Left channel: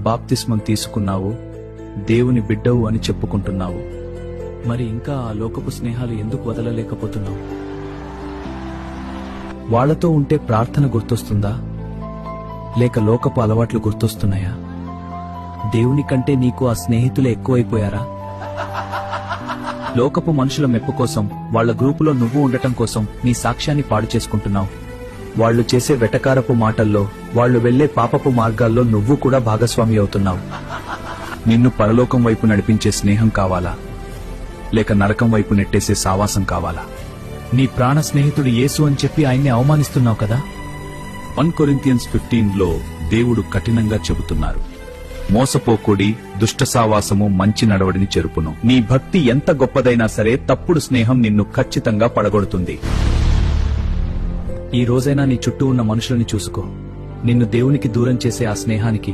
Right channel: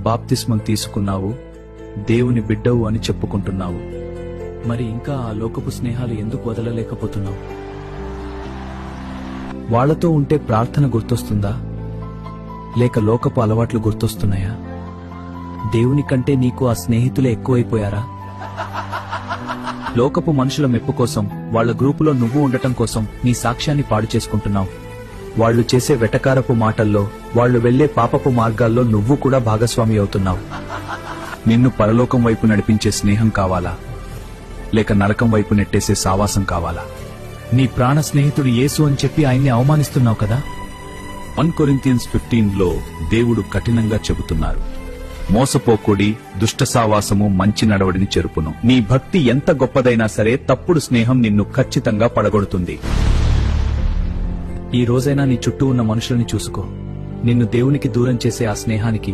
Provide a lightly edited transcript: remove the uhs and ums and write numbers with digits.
బాప్తిస్మం తీసుకున్నావు, దేవుని బిడ్డవు అని చెప్పుకుంటున్నావు. మరి ఇంకా ఆ లోకపు స్నేహాలు ఎందుకు వదలలేకపోతున్నావు? వాళ్లతో ఉంటే ప్రార్థన గుర్తొస్తుందా, లేక లోకపు అలవాట్లు గుర్తొస్తున్నాయా? దేవుని కంటే నీకు ఆ స్నేహితులు ఎక్కువైపోయారా? లోకపు మనుషుల మెప్పు కోసం, వాళ్ల గ్రూపులో నువ్వు ఉండటం కోసం నీ సాక్ష్యాన్ని పాడు చేసుకుంటున్నావు. వాళ్లు చేసే వెటకారపు మాటల్లో, వాళ్లు వెళ్లే పాపపు మార్గాల్లో నువ్వు కూడా భాగస్వామి అవుతున్నావు. నిన్ను పరలోకం వైపు నడిపించే స్నేహం కావాలా, లేక నరకం వైపు నెట్టేసే సావాసం కావాలా? నీ ప్రాణ స్నేహితుడు యేసు అని చెప్పి ఆయన్ని అవమానిస్తున్నావు కదా. 1 Corinthians 15లో దేవుడు కఠినంగా చెబుతున్నారు, మోసపోకుడి, దుష్ట సావాసము మంచి నడవడిని చెరుపును. నీ భక్తి ఎంత గొప్పదైనా సరే తప్పుడు స్నేహం నిన్ను ఖచ్చితంగా పడగొడుతుంది. ఈ రోజైనా నీ చుట్టూ ఉన్న మనుషులని చూసుకో. నిన్ను దేవునికి దూరం చేసే ఆ స్నేహానికి